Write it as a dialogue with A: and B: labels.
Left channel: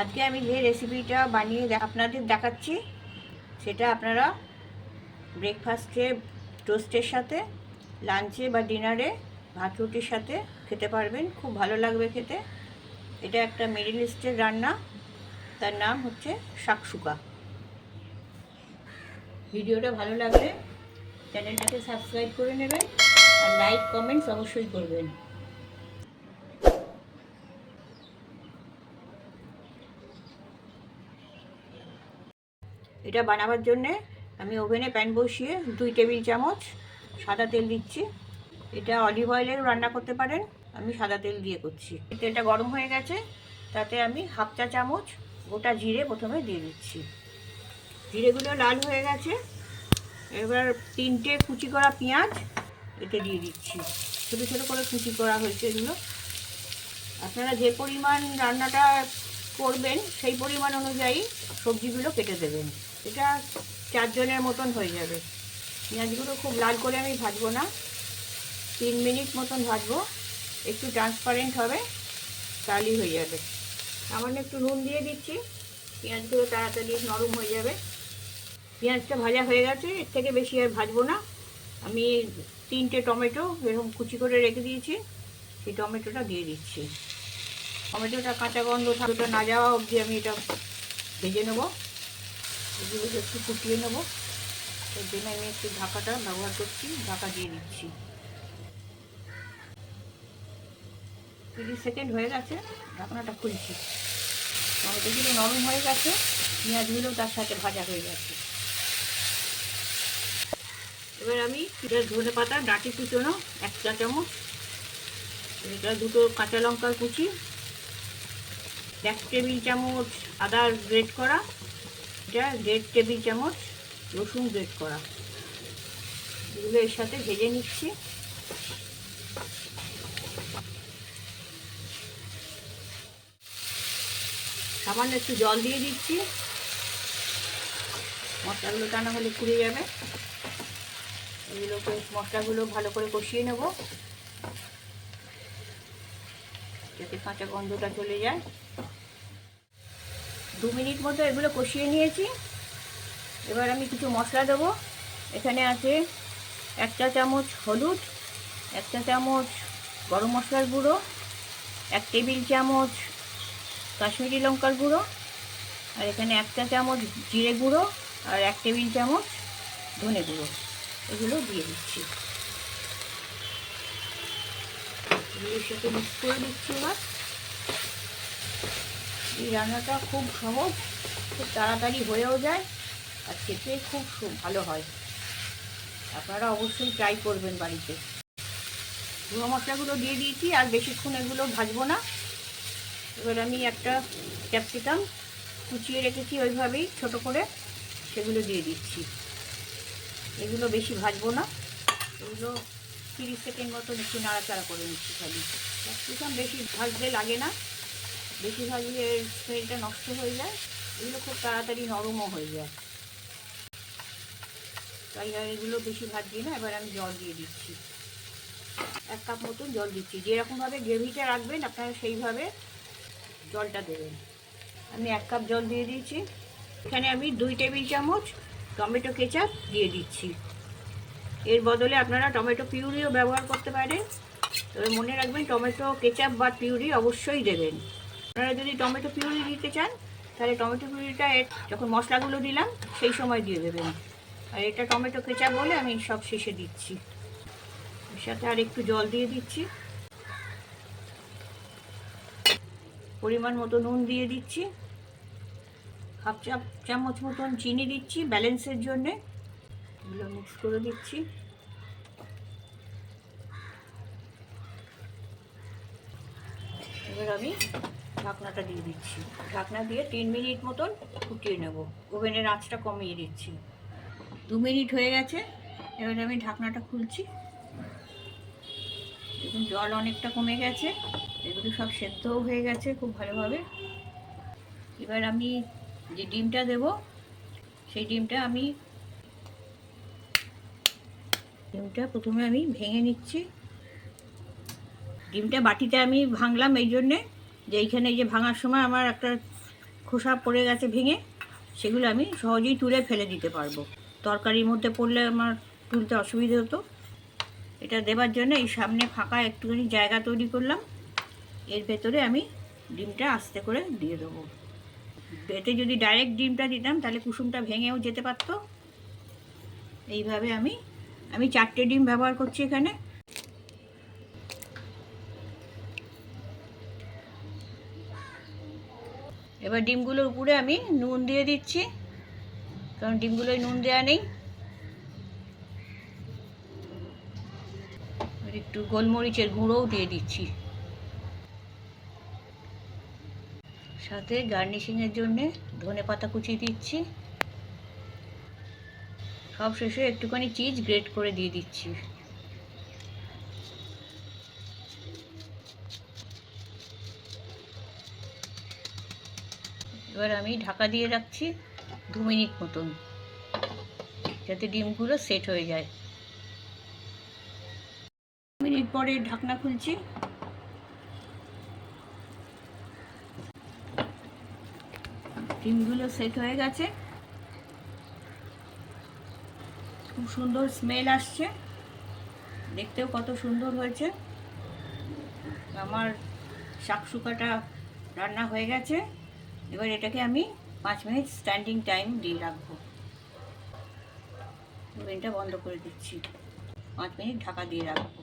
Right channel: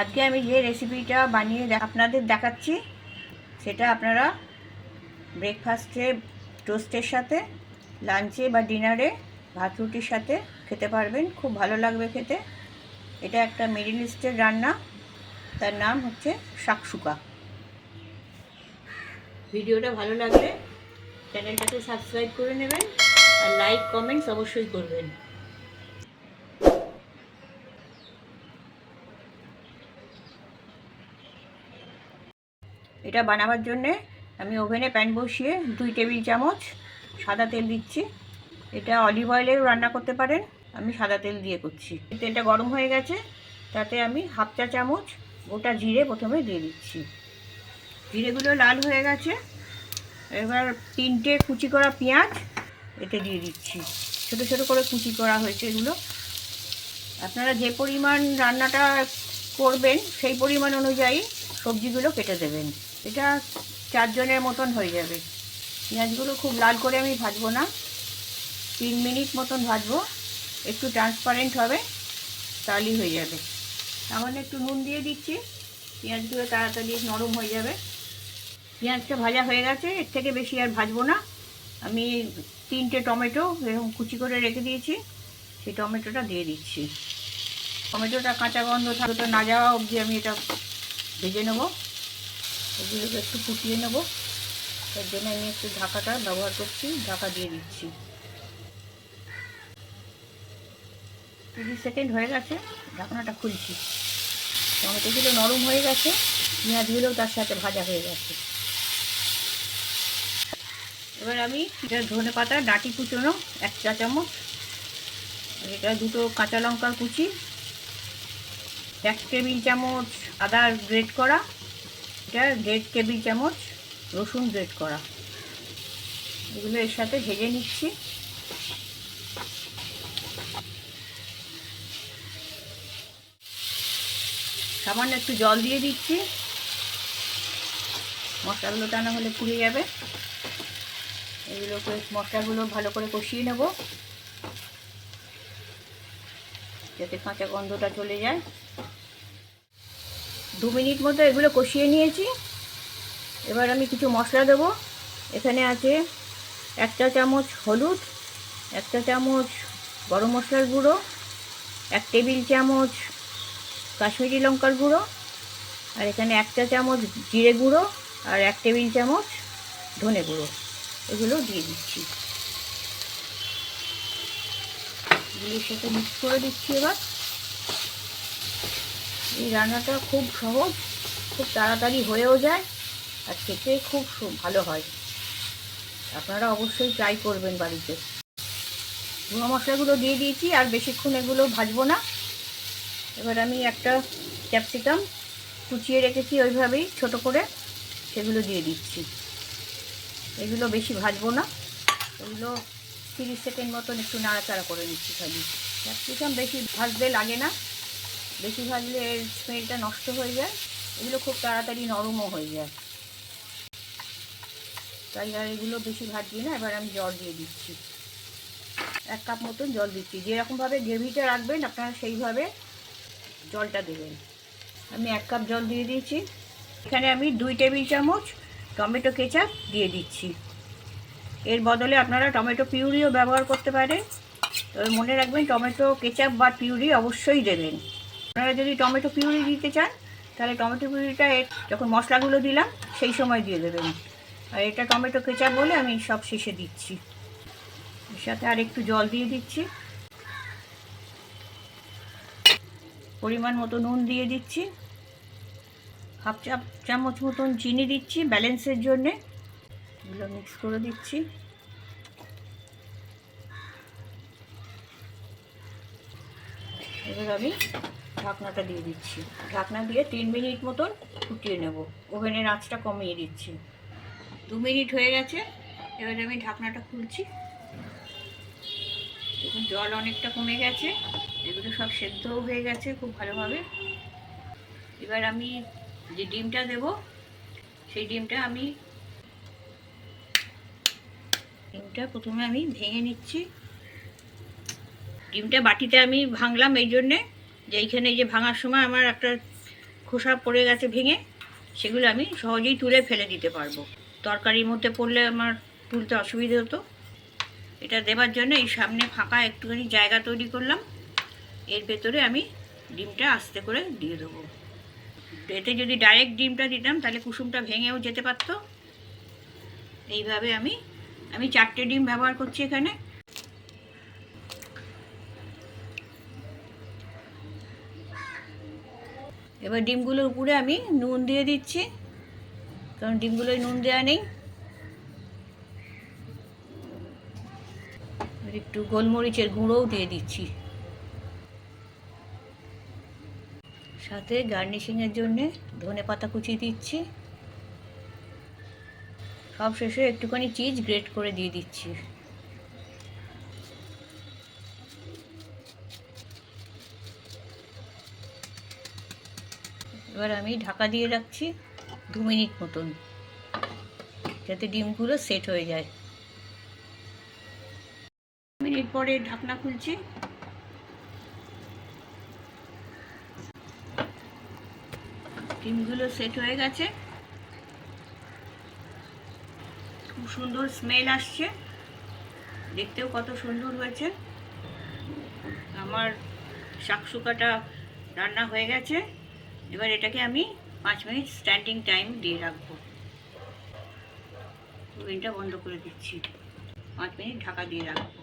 A: আজকে আমি যে রেসিপিটা বানিয়ে আপনাদের দেখাচ্ছি, সেটা আপনারা ব্রেকফাস্টে টোস্টের সাথে লাঞ্চে বা ডিনারে ভাত রুটির সাথে খেতে পারবেন। খুব ভালো লাগবে খেতে। এটা একটা মিডিল ইস্টের রান্না। তার নাম হচ্ছে শাকসুকা। ভিডিওটা ভালো লাগলে চ্যানেলটাকে সাবস্ক্রাইব করে নেবেন আর লাইক কমেন্টস অবশ্যই করবেন। এটা বানাবার জন্যে আমি ওভেনে প্যান বসিয়ে দুই টেবিল চামচ সাদা তেল দিচ্ছি। এটা অলিভ অয়েলেও রান্না করতে পারেন, আমি সাদা তেল দিয়ে করছি। তেলটা গরম হয়ে গেছে, তাতে আমি হাফ চা চামচ গোটা জিরে প্রথমে দিয়ে দিচ্ছি। জিরেগুলো লাল হয়ে গেছে, এবার তিনটে কুচি করা পেঁয়াজ এতে দিয়ে দিচ্ছি। ছোটো ছোটো করে কুচি করা হয়েছে এগুলো। আপনারা যে পরিমাণ রান্নাটা করবেন সেই পরিমাণ অনুযায়ী সবজিগুলো কেটে দেবেন। এটা চারজনের মতন হয়ে যাবে। পেঁয়াজগুলো খুব লাল করে আমি ভাজবো না। তিন মিনিট মতন ভাজবো। একটু ট্রান্সপারেন্ট হবে, তাহলেই হয়ে যাবে। সামান্য একটু নুন দিয়ে দিচ্ছি। পেঁয়াজগুলো তাড়াতাড়ি নরম হয়ে যাবে। পেঁয়াজটা ভাজা হয়ে গেছে, এর থেকে বেশি আর ভাজবো না। আমি তিনটে টমেটো এরকম কুচি করে রেখে দিয়েছি। সেই টমেটোটা দিয়ে দিচ্ছি। টমেটোটা কাঁচা গন্ধ থাকতে না যাওয়া অবধি আমি এটা ভেজে নেব। এগুলোকে একটু ফুটিয়ে নেব। এর জন্য আমি একটু ঢাকাটা ব্যবহার করছি, ঢাকা দিয়ে দিচ্ছি। তিরিশ সেকেন্ড হয়ে গেছে, ঢাকনাটা খুলছি। টমেটোগুলো নরম হয়ে গেছে, পেঁয়াজগুলোও তার সাথে ভাজা হয়ে গেছে। এবার আমি এটা ধনে পাতা, ডাঁটি কুচোনো, এক চা চামচ এটা দুটো কাঁচা লঙ্কার কুচি এক টেবিল চামচ আদা গ্রেট করা এটা দেড় টেবিল চামচ রসুন গ্রেট করা। এগুলো এর সাথে ভেজে নিচ্ছি। সামান্য একটু জল দিয়ে দিচ্ছি। মশলাগুলো টানা হলে পুড়ে যাবে। এগুলোকে মশলাগুলো ভালো করে কষিয়ে নেব। যাতে কাঁচা গন্ধটা চলে যায়। দু মিনিট মতো এগুলো কষিয়ে নিয়েছি। এবার আমি কিছু মশলা দেবো। এখানে আছে একটা চামচ হলুদ, একটা চামচ গরম মশলার গুঁড়ো, এক টেবিল চামচ কাশ্মীরি লঙ্কার গুঁড়ো, আর এখানে একটা চামচ জিরে গুঁড়ো আর এক টেবিল চামচ ধনে গুঁড়ো। এগুলো দিয়ে দিচ্ছি। দিয়ে সেটা মিক্স করে দিচ্ছি এবার। এই রান্নাটা খুব সহজ, খুব তাড়াতাড়ি হয়েও যায় আর খেতে খুব ভালো হয়। আপনারা অবশ্যই ট্রাই করবেন বাড়িতে। গুঁড়ো মশলাগুলো দিয়ে দিয়েছি আর বেশিক্ষণ এগুলো ভাজবো না। এবার আমি একটা ক্যাপসিকাম কুচিয়ে রেখেছি ওইভাবেই ছোট করে, সেগুলো দিয়ে দিচ্ছি। এগুলো বেশি ভাজবো না। এগুলো তিরিশ সেকেন্ড মতন একটু নাড়াচাড়া করে নিচ্ছি খালি। ক্যাপসিকাম বেশি ভাজতে লাগে না। বেশি ভাজলে স্মেলটা নষ্ট হয়ে যায়, এগুলো খুব তাড়াতাড়ি নরমও হয়ে যায়। তাই আর এগুলো বেশি ভাজছি না, এবার আমি জল দিয়ে দিচ্ছি। এক কাপ মতন জল দিচ্ছি। যেরকমভাবে গ্রেভিটা রাখবেন, আপনারা সেইভাবে জলটা দেবেন। আমি এক কাপ জল দিয়ে দিয়েছি। এখানে আমি দুই টেবিল চামচ টমেটো কেচাপ দিয়ে দিচ্ছি। এর বদলে আপনারা টমেটো পিউরিও ব্যবহার করতে পারেন। তবে মনে রাখবেন, টমেটো, কেচাপ বা পিউরি অবশ্যই দেবেন। আপনারা যদি টমেটো পিউরি দিতে চান, তাহলে টমেটো পিউরিটা যখন মশলাগুলো দিলাম, সেই সময় দিয়ে দেবেন। আর এটা টমেটো কেচাপ বলে আমি সব শেষে দিচ্ছি। এর সাথে আর একটু জল দিয়ে দিচ্ছি। পরিমাণ মতো নুন দিয়ে দিচ্ছি। হাফ চা, চামচ মতন চিনি দিচ্ছি ব্যালেন্সের জন্যে। এগুলো মিক্স করে দিচ্ছি। আমি ঢাকনাটা দিয়ে দিচ্ছি। ঢাকনা দিয়ে তিন মিনিট মতন ফুটিয়ে নেব। ওভেনের আঁচটা কমিয়ে দিচ্ছি। দু মিনিট হয়ে গেছে। এবার আমি ঢাকনাটা খুলছি। দেখুন, জল অনেকটা কমে গেছে। এগুলো সব সেদ্ধও হয়ে গেছে খুব ভালোভাবে। এবার আমি যে ডিমটা দেব, সেই ডিমটা আমি ডিমটা প্রথমে আমি ভেঙে নিচ্ছি। ডিমটা বাটিতে আমি ভাঙলাম, এই জন্যে যে এইখানে যে ভাঙার সময় আমার একটা খোসা পড়ে গেছে ভেঙে, সেগুলো আমি সহজেই তুলে ফেলে দিতে পারব। তরকারির মধ্যে পড়লে আমার তুলতে অসুবিধে হতো। এটা দেবার জন্য এই সামনে ফাঁকা একটুখানি জায়গা তৈরি করলাম। এর ভেতরে আমি ডিমটা আস্তে করে দিয়ে দেবো। এতে যদি ডাইরেক্ট ডিমটা দিতাম, তাহলে কুসুমটা ভেঙেও যেতে পারতো। এইভাবে আমি আমি চারটে ডিম ব্যবহার করছি এখানে। এবার ডিমগুলোর উপরে আমি নুন দিয়ে দিচ্ছি, কারণ ডিমগুলোয় নুন দেওয়া নেই। একটু গোলমরিচের গুঁড়োও দিয়ে দিচ্ছি। সাথে গার্নিশিংয়ের জন্যে ধনে পাতা কুচি দিচ্ছি। সব শেষে একটুখানি চিজ গ্রেট করে দিয়ে দিচ্ছি। এবার আমি ঢাকা দিয়ে রাখছি দু মিনিট মতন, যাতে ডিমগুলো সেট হয়ে যায়। মিনিট পরে ঢাকনা খুলছি। ডিমগুলো সেট হয়ে গেছে। খুব সুন্দর স্মেল আসছে। দেখতেও কত সুন্দর হয়েছে। আমার শাকসুকাটা রান্না হয়ে গেছে। এবার এটাকে আমি পাঁচ মিনিট স্ট্যান্ডিং টাইম দিয়ে রাখব। ওভেনটা বন্ধ করে দিচ্ছি। পাঁচ মিনিট ঢাকা দিয়ে রাখব।